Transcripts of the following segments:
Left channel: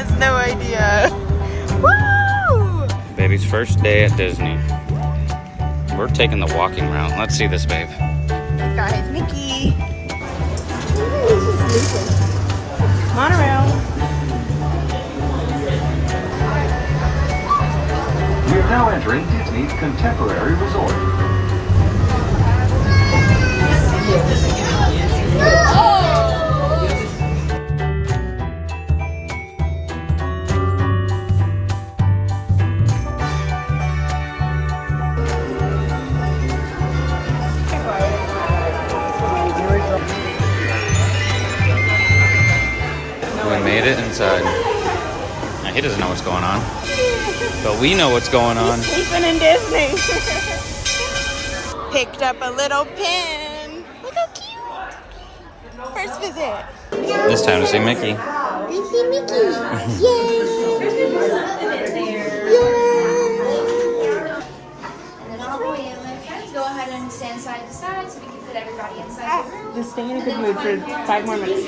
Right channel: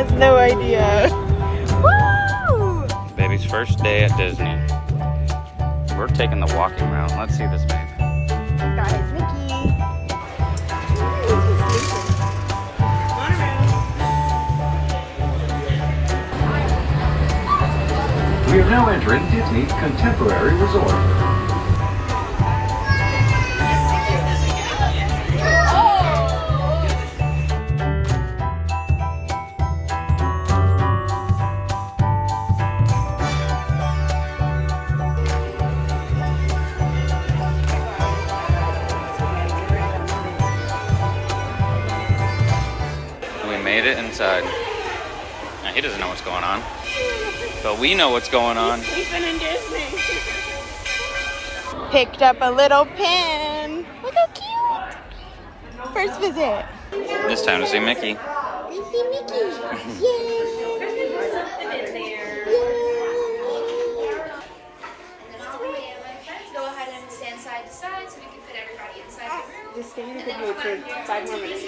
has no idea. Woo! Baby's first day at Disney. We're taking the walking route. Let's see this, babe. Guys, Mickey. He's sleeping. Monorail. We are now entering Disney Contemporary Resort. We made it inside. Now, he doesn't know what's going on, but we know what's going on. Sleeping in Disney. Picked up a little pin. Look how cute. First visit. It's time to see Mickey. We see Mickey. Yay. Go ahead and stand side to side so we can put everybody inside the room. Just stay in a good mood for 5 more minutes.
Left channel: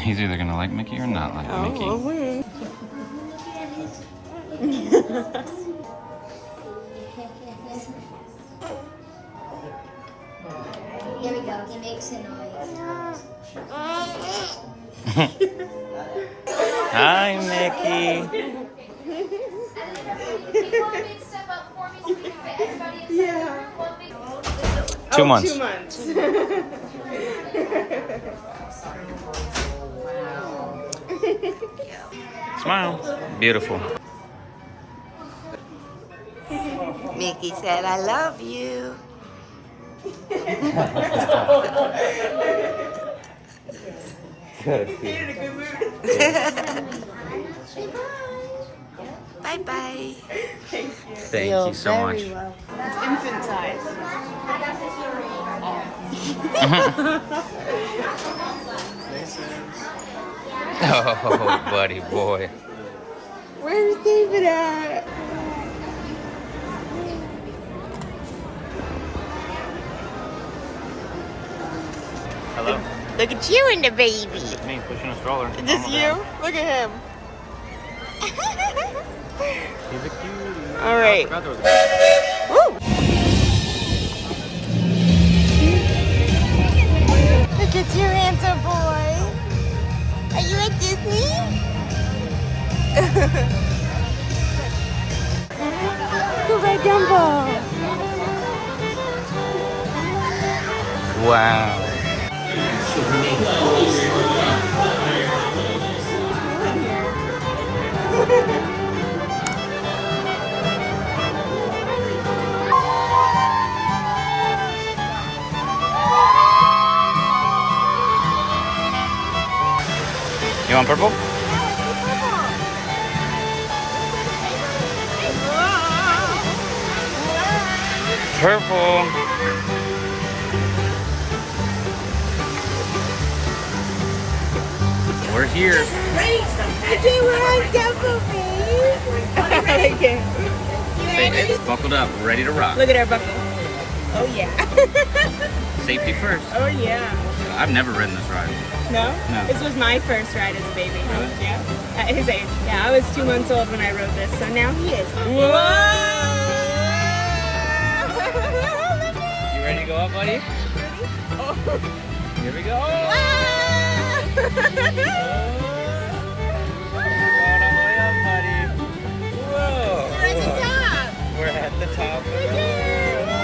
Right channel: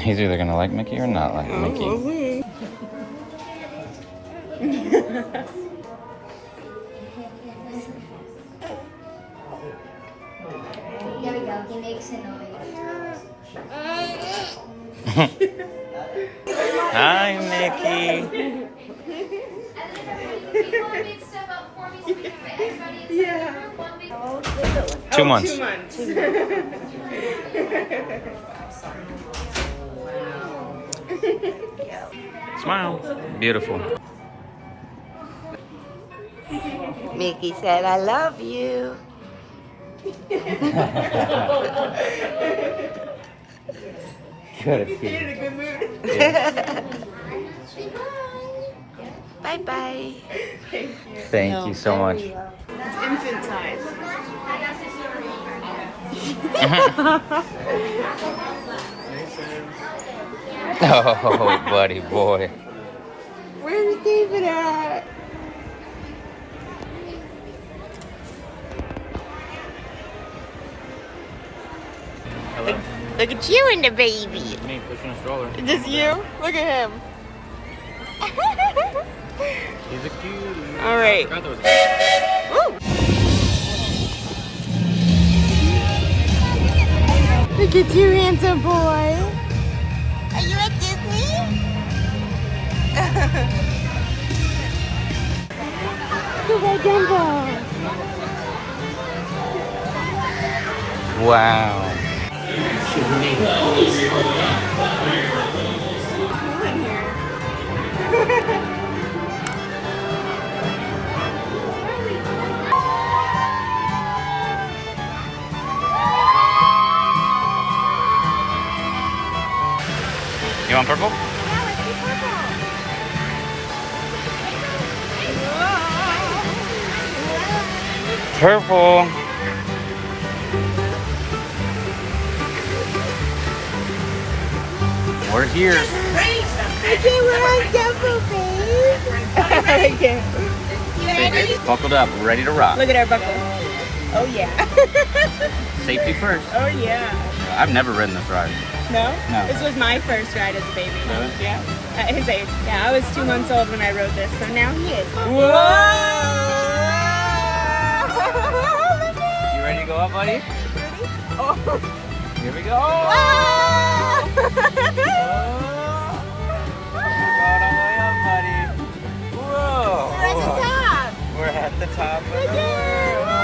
He's either gonna like Mickey or not like Mickey. Here we go. He makes it noise. Hi, Mickey. Yeah. 2 months. 2 months. Smile. Beautiful. Mickey said, I love you. Good. He's in a good mood. Bye-bye. Thank you so much. It's infant size. Oh, buddy boy. Where's David at? Hello. Look at you and the baby. It's me pushing a stroller. Is this you? Look at him. He's a cutie. All right. I forgot there was a Woo! Look at you, handsome boy. Are you at Disney? Go by Dumbo. Wow. You want purple? Purple. We're here. I can't wear a Dumbo, babe. I can't. Buckled up, ready to rock. Look at our buckle. Oh, yeah. Safety first. Oh, yeah. I've never ridden this ride. No? No. This was my first ride as a baby. Really? Yeah. At his age. Yeah, I was 2 months old when I rode this, so now he is. Whoa! You ready to go up, buddy? Oh. Here we go. We're at the top of the world.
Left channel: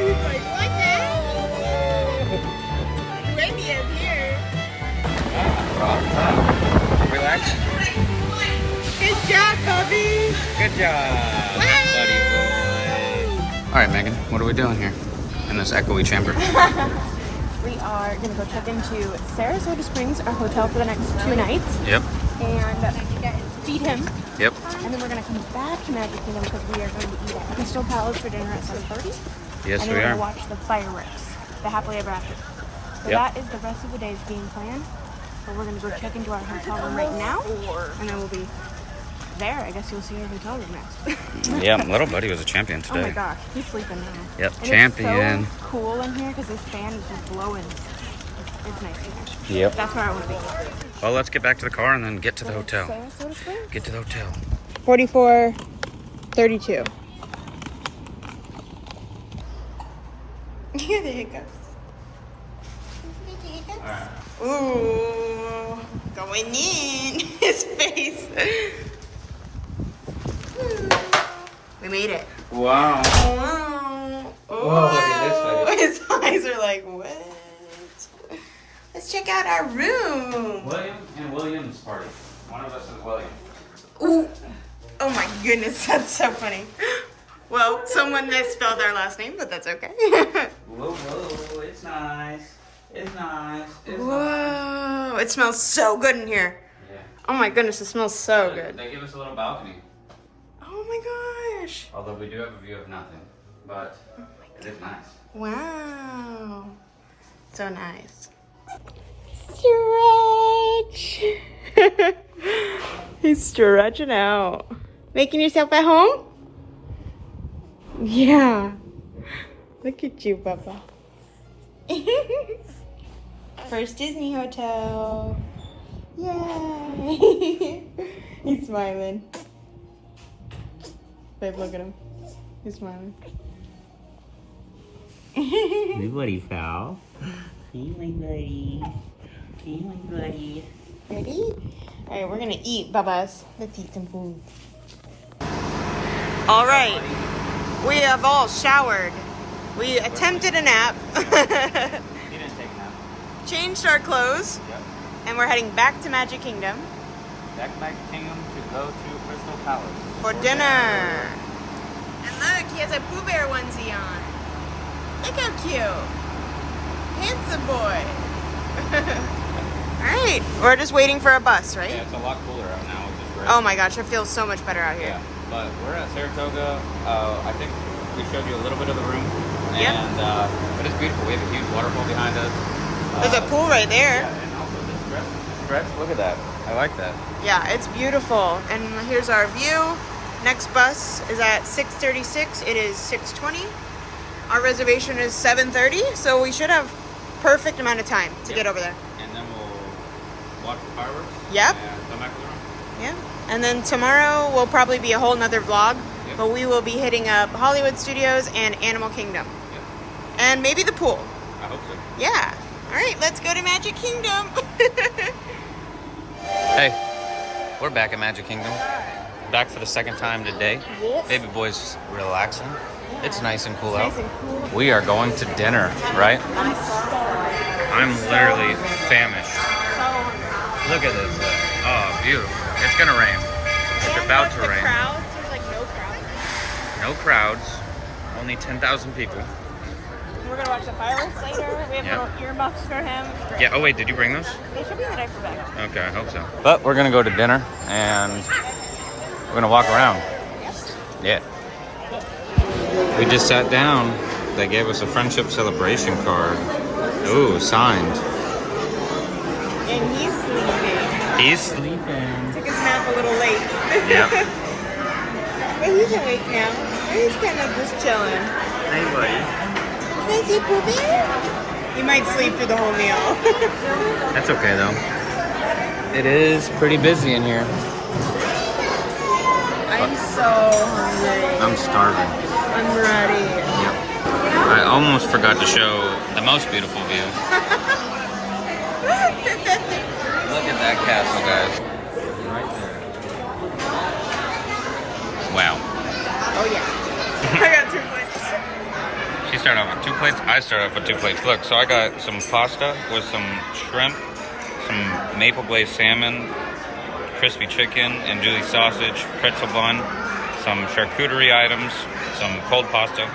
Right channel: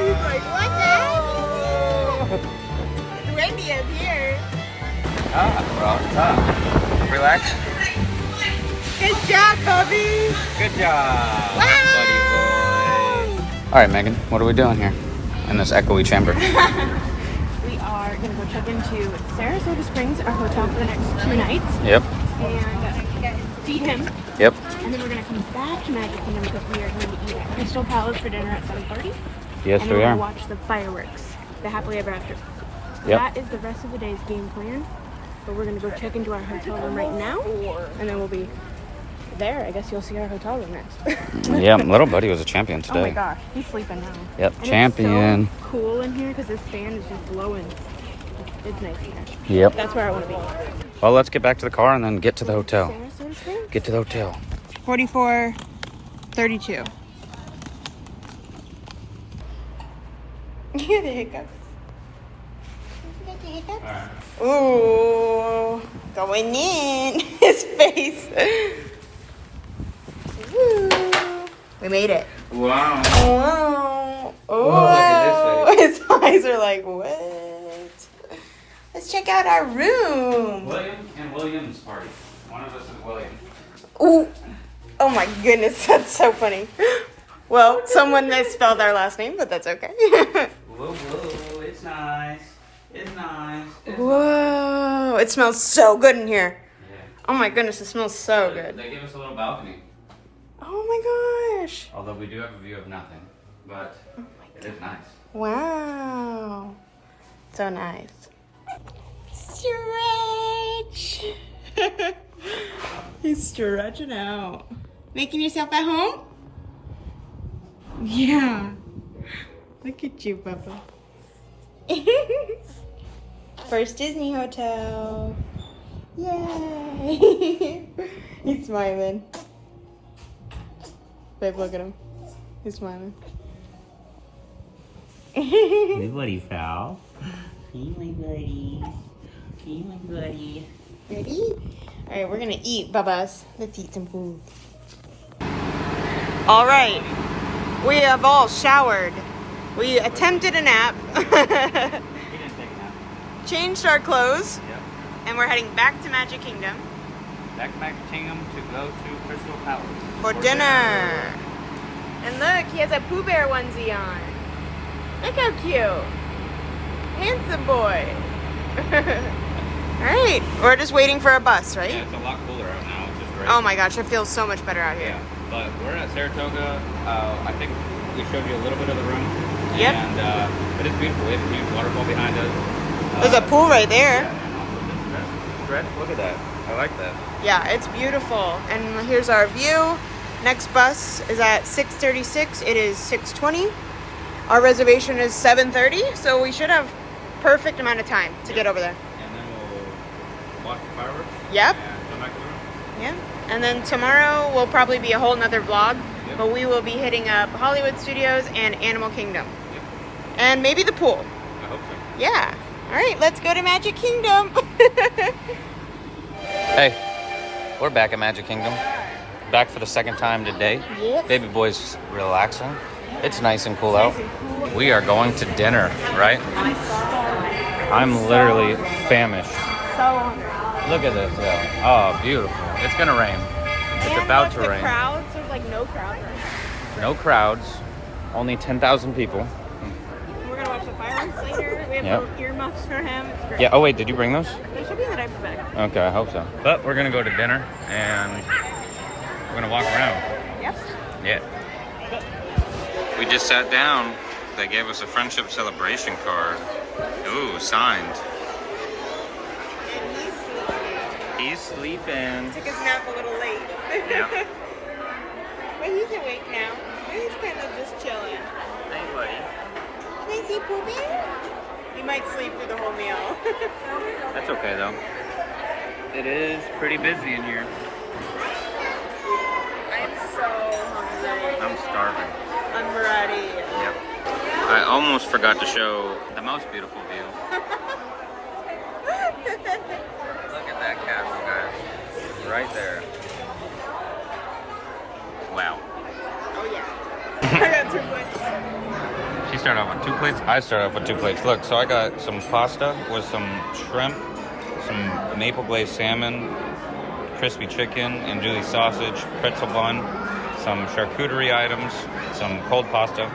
He's like, what the hell? Windy up here. Ah, we're on top. Relax. Good job, Bubby. Good job, Wow. buddy boy. All right, Megan, what are we doing here in this echoey chamber? We are going to go check into Saratoga Springs, our hotel, for the next 2 nights. Yep. And feed him. Yep. And then we're going to come back to Magic Kingdom because we are going to eat at Crystal Palace for dinner at 7:30. Yes, and then we we're going are. to watch the fireworks, the Happily Ever After. So Yep. that is the rest of the day's game plan. But we're gonna go check into our hotel room right now, and then we'll be there. I guess you'll see our hotel room next. Yeah, little buddy was a champion Oh my today. gosh, he's sleeping now. Yep, And champion. It's so cool in here because this fan is just blowing. It's nice in there. Yep. That's where I want to be. Well, let's get back to the car and then get to the hotel. Saratoga Springs? Get to the hotel. 4432. Hear the hiccups. Ooh, going in. His face. Woo. We made it. Wow. Oh, Whoa, look at his eyes are like, what? Let's check out our room. William and William's party. One of us is William. Ooh. Oh my goodness, that's so funny. Well, someone misspelled our last name, but that's okay. Whoa, whoa, it's nice. It's nice. Whoa, it smells so good in here. Yeah. Oh my goodness, it smells so good. They give us a little balcony. Oh my gosh. Although we do have a view of nothing. But it is nice. Wow. So nice. Stretch. He's stretching out. Making yourself at home? Yeah. Look at you, Papa. First Disney hotel. Yay. He's smiling. Babe, look at him. He's smiling. Hey, buddy, pal. Hey, my buddy. Hey, my buddy. Ready? All right, we're gonna eat, Bubba's. Let's eat some food. All right, we have all showered. We attempted a nap. He didn't take a nap. Changed our clothes, Yep. and we're heading back to Magic Kingdom Back to Magic Kingdom to go to Crystal Palace. for dinner. And look, he has a Pooh Bear onesie on. Look how cute. Handsome boy. All right, we're just waiting for a bus, right? Yeah, it's a lot cooler out now, which is great. Oh my gosh, it feels so much better out here. Yeah, but we're at Saratoga. I think we showed you a little bit of the room. Yep. And it is beautiful. We have a huge waterfall behind us. There's a pool right there. Yeah, and also this stretch. Look at that. I like that. Yeah, it's beautiful. And here's our view. Next bus is at 6:36. It is 6:20. Our reservation is 7:30, so we should have perfect amount of time to get over there. And then we'll watch the fireworks. Yep. And come back to the room. Yeah. And then tomorrow will probably be a whole nother vlog, Yep. but we will be hitting up Hollywood Studios and Animal Kingdom. Yep. And maybe the pool. I hope so. Yeah. All right, let's go to Magic Kingdom. Hey, we're back at Magic Kingdom. Back for the second time today. Yep. Baby boy's relaxing. It's nice and cool out. Nice and cool. We are going to dinner, right? I'm starving. I'm literally famished. So Look at this. Oh, beautiful. It's gonna rain. It's about to rain. There's like no crowds. No crowds. Only 10,000 people. We're gonna watch the fireworks later. We have Yep. little earmuffs for him. It's great. Yeah. Oh wait, did you bring those? They should be in the diaper bag. Okay, I hope so. But we're gonna go to dinner and we're gonna walk around. Yep. Yeah. We just sat down. They gave us a friendship celebration card. Ooh, signed. And he's sleeping. He's sleeping. Took his nap a little late. Yeah. But he's awake now. He's kind of just chilling. Hey, buddy. Is he pooping? He might sleep through the whole meal. That's okay though. It is pretty busy in here. I'm so hungry. I'm starving. I'm ready. Yep. I almost forgot to show the most beautiful view. Look at that castle, guys. Right there. Wow. Oh yeah. I got 2 plates. She started off with 2 plates. I started off with 2 plates. Look, so I got some pasta with some shrimp, some maple glazed salmon, crispy chicken, andouille sausage, pretzel bun, some charcuterie items, some cold pasta,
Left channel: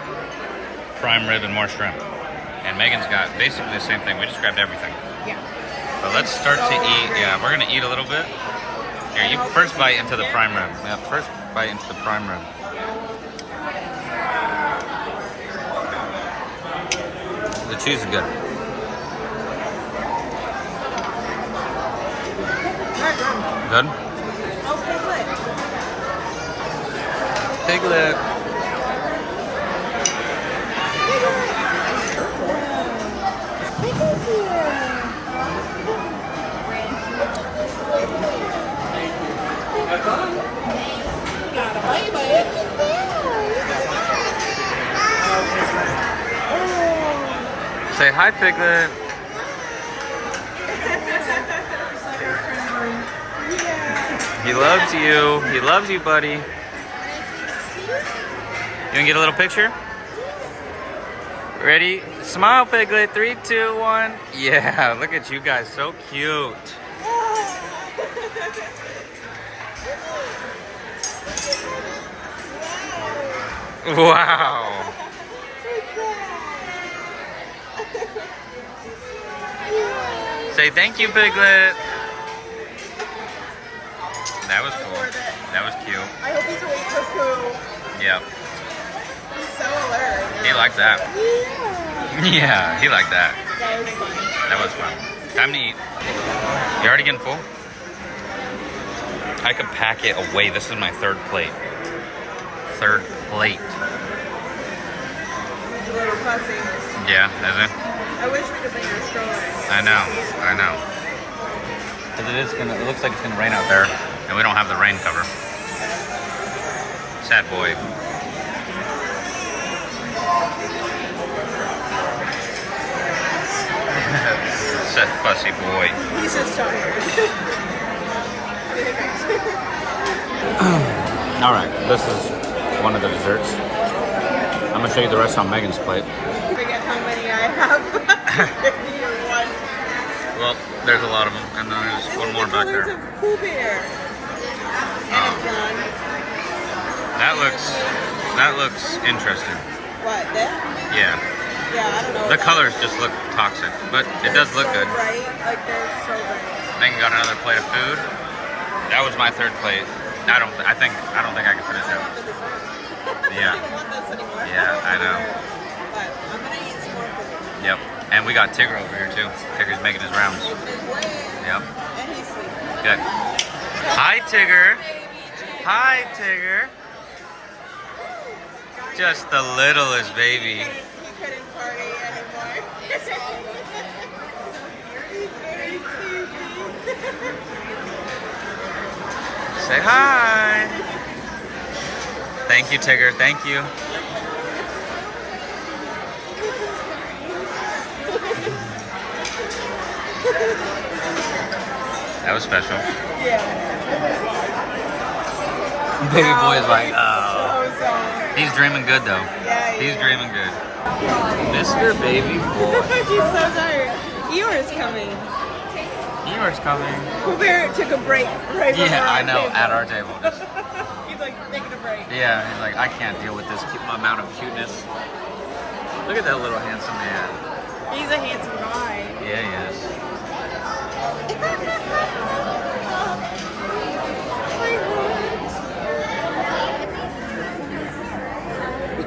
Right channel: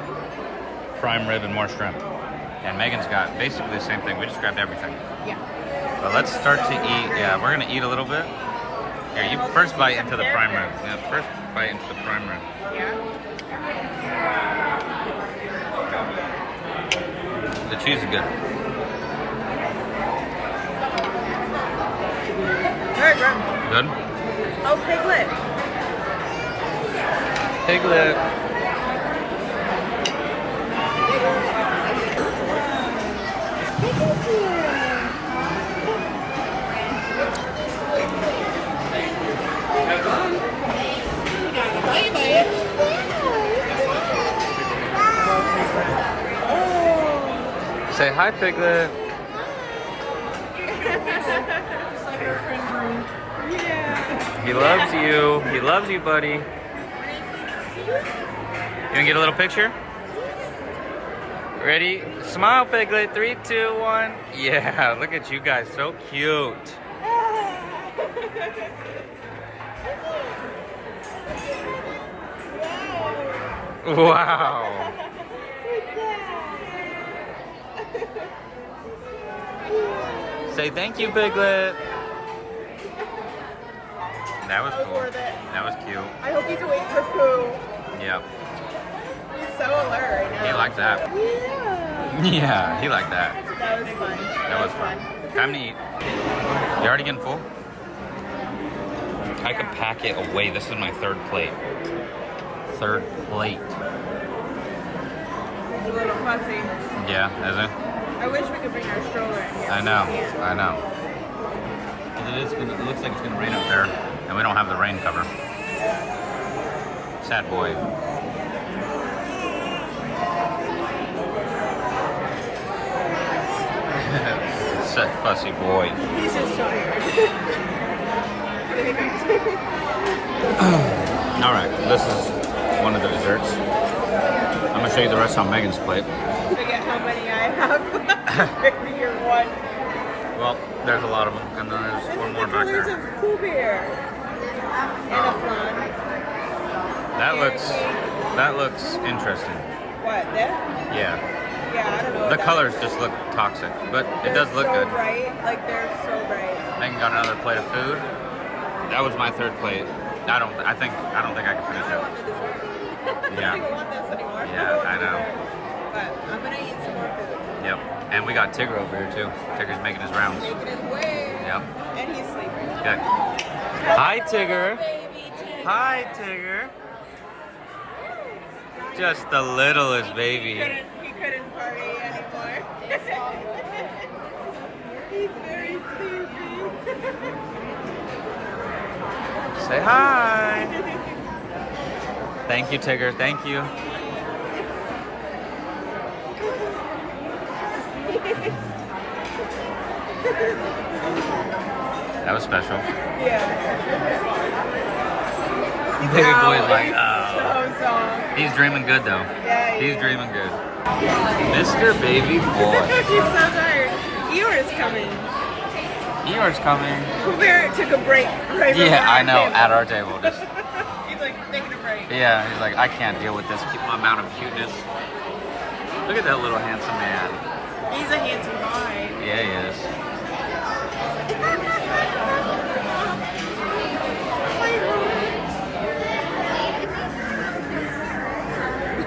prime rib, and more shrimp. And Megan's got basically the same thing. We just grabbed everything. Yeah. But let's start to eat. Yeah, we're gonna eat a little bit. Here, you first bite into the prime rib. Yeah, first bite into the prime rib. Yeah. The cheese is good. Good? Oh, Piglet. Piglet. Piglet's here. You got a baby. Say hi, Piglet. He loves you. He loves you, buddy. You wanna get a little picture? Ready? Smile, Piglet. 3, 2, 1. Yeah, look at you guys. So cute. Wow. Say thank you, Piglet. That was cool. That was cute. I hope he's awake for poo. Yep. He's so alert right now. He liked that. Yeah. Yeah, he liked that. That was fun. That was fun. Time to eat. You already getting full? I could pack it away. This is my third plate. Third plate. He's a little fussy. Yeah, is it? I wish we could bring our stroller in. I know. I know. Because it looks like it's gonna rain out there, and we don't have the rain cover. Sad boy. Sad fussy boy. He's just tired. All right, this is one of the desserts. I'm gonna show you the rest on Megan's plate. Forget how many I have. You're one. Well, there's a lot of them, and then there's one more back There's there. a Pooh Bear. And a flan. That looks interesting. What, that? Yeah. Yeah, I don't know. The colors just look toxic, but it does look good. Bright. Like, they're so bright. Megan got another plate of food. That was my third plate. I don't think I can finish I it. want the dessert. Yeah. I don't even want this anymore. Yeah, I know. But I'm gonna eat some more food. Yep. And we got Tigger over here too. Tigger's making his rounds. Making his way. Yep. And he's sleeping. Good. Hi, Tigger. Hi, Tigger. Just the littlest baby. He couldn't party anymore. He's very sleepy. Say hi. Thank you, Tigger. Thank you. That was special. Yeah. Baby boy is like, he's oh. so soft. He's dreaming good though. Yeah, he He's is. dreaming good. Mr. Baby Boy. He's so tired. Eeyore's coming. Eeyore's coming. Pooh Bear took a break right before Yeah, I know. table. At our table, just He's like taking a break. yeah. He's like, I can't deal with this amount of cuteness. Look at that little handsome man. He's a handsome guy. Yeah, he is.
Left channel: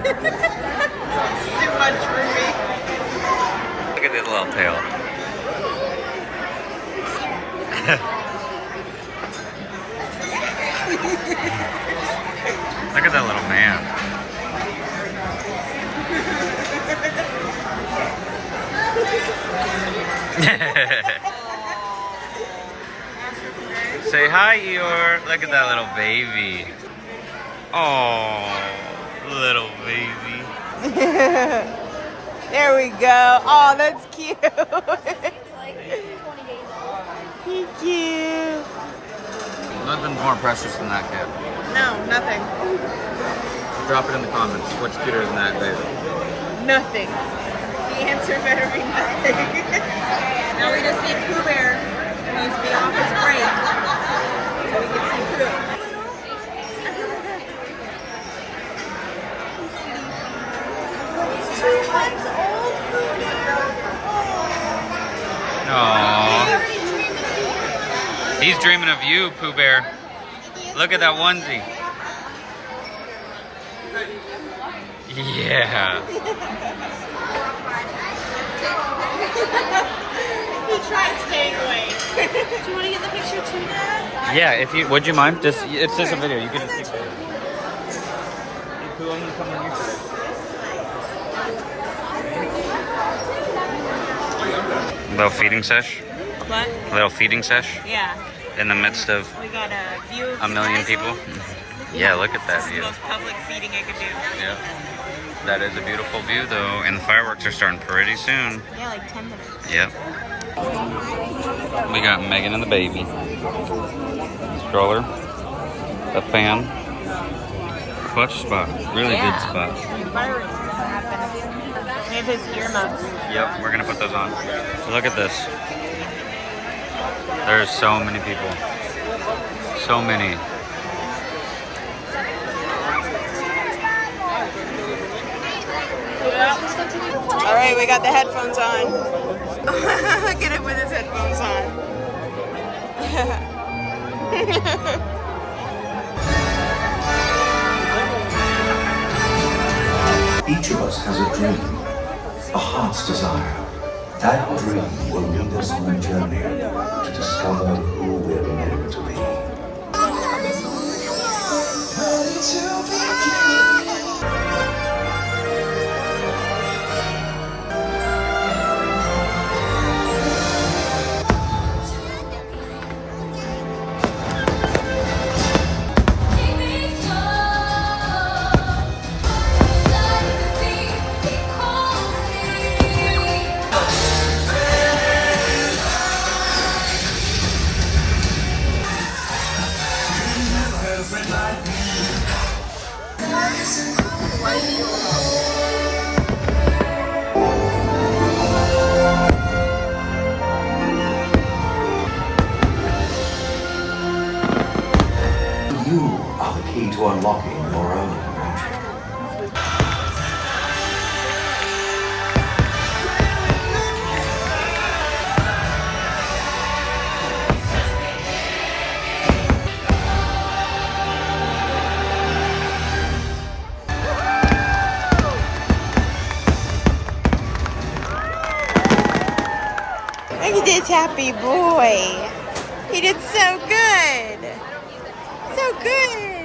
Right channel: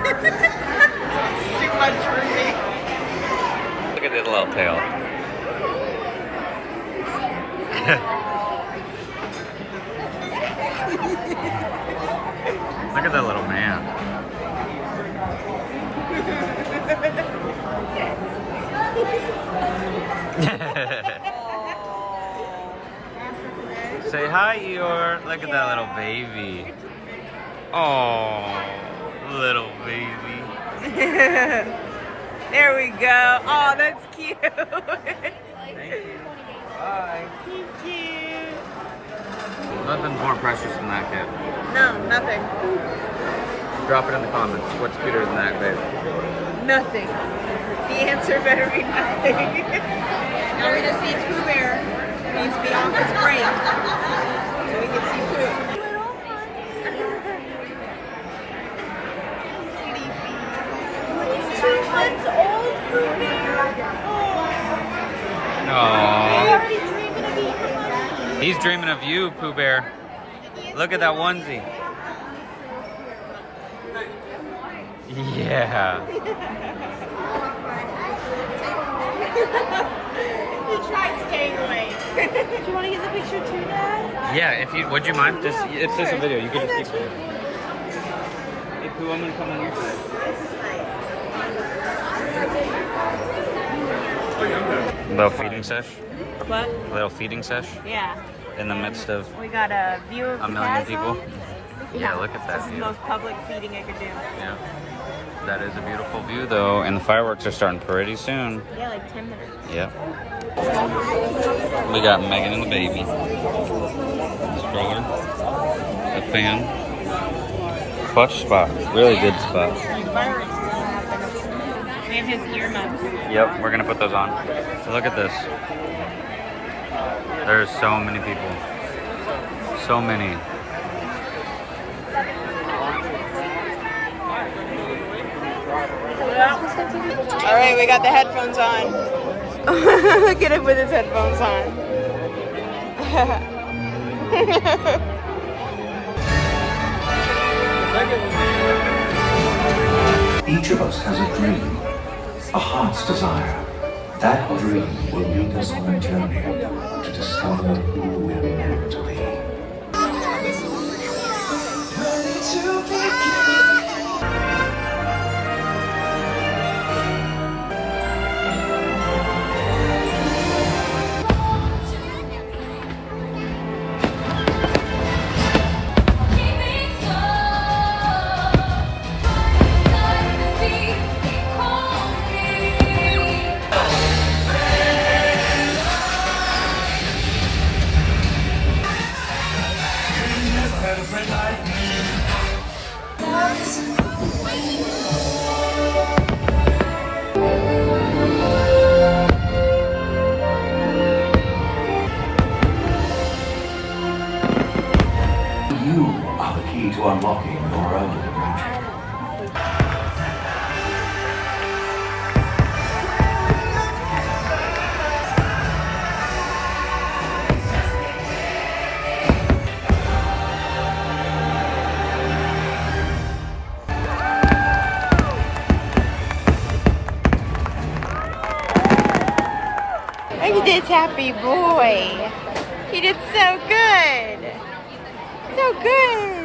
Too much for me. Look at his little tail. Look at that little man. Say hi, Eeyore. Look at that little baby. Oh, little baby. There we go. Oh, that's cute. Thank you. Nothing's more precious than that kid. No, nothing. Drop it in the comments. What's cuter than that baby? Nothing. The answer better be nothing. Now we just need Pooh Bear, who needs to be off his break, so we can see Pooh. Aww. He's dreaming of you, Pooh Bear. Look at that onesie. Yeah. He tried staying awake. you want to get the picture too, Dad? Yeah, if you would you mind? Just it's just a video. You could I just got keep you. Hey Pooh, I'm gonna come on your side. Little feeding sesh. What? Little feeding sesh Yeah. in the midst of We got a view of a million the people. castle. Yeah, look at that This is view. the most public feeding I could do. Yeah. That is a beautiful view though, and the fireworks are starting pretty soon. Yeah, like 10 minutes. Yep. We got Megan and the baby. Stroller. A fan. Clutch spot. Really good spot. Like fireworks gonna happen. We have his earmuffs. Yep, we're gonna put those on. So look at this. There's so many people. So many. All right, we got the headphones on. Look at him with his headphones on. Each of us has a dream, a heart's desire. That dream will lead us on a journey to discover who we're meant to be. You are the key to unlocking your own magic. Look at this happy boy. He did so good. So good.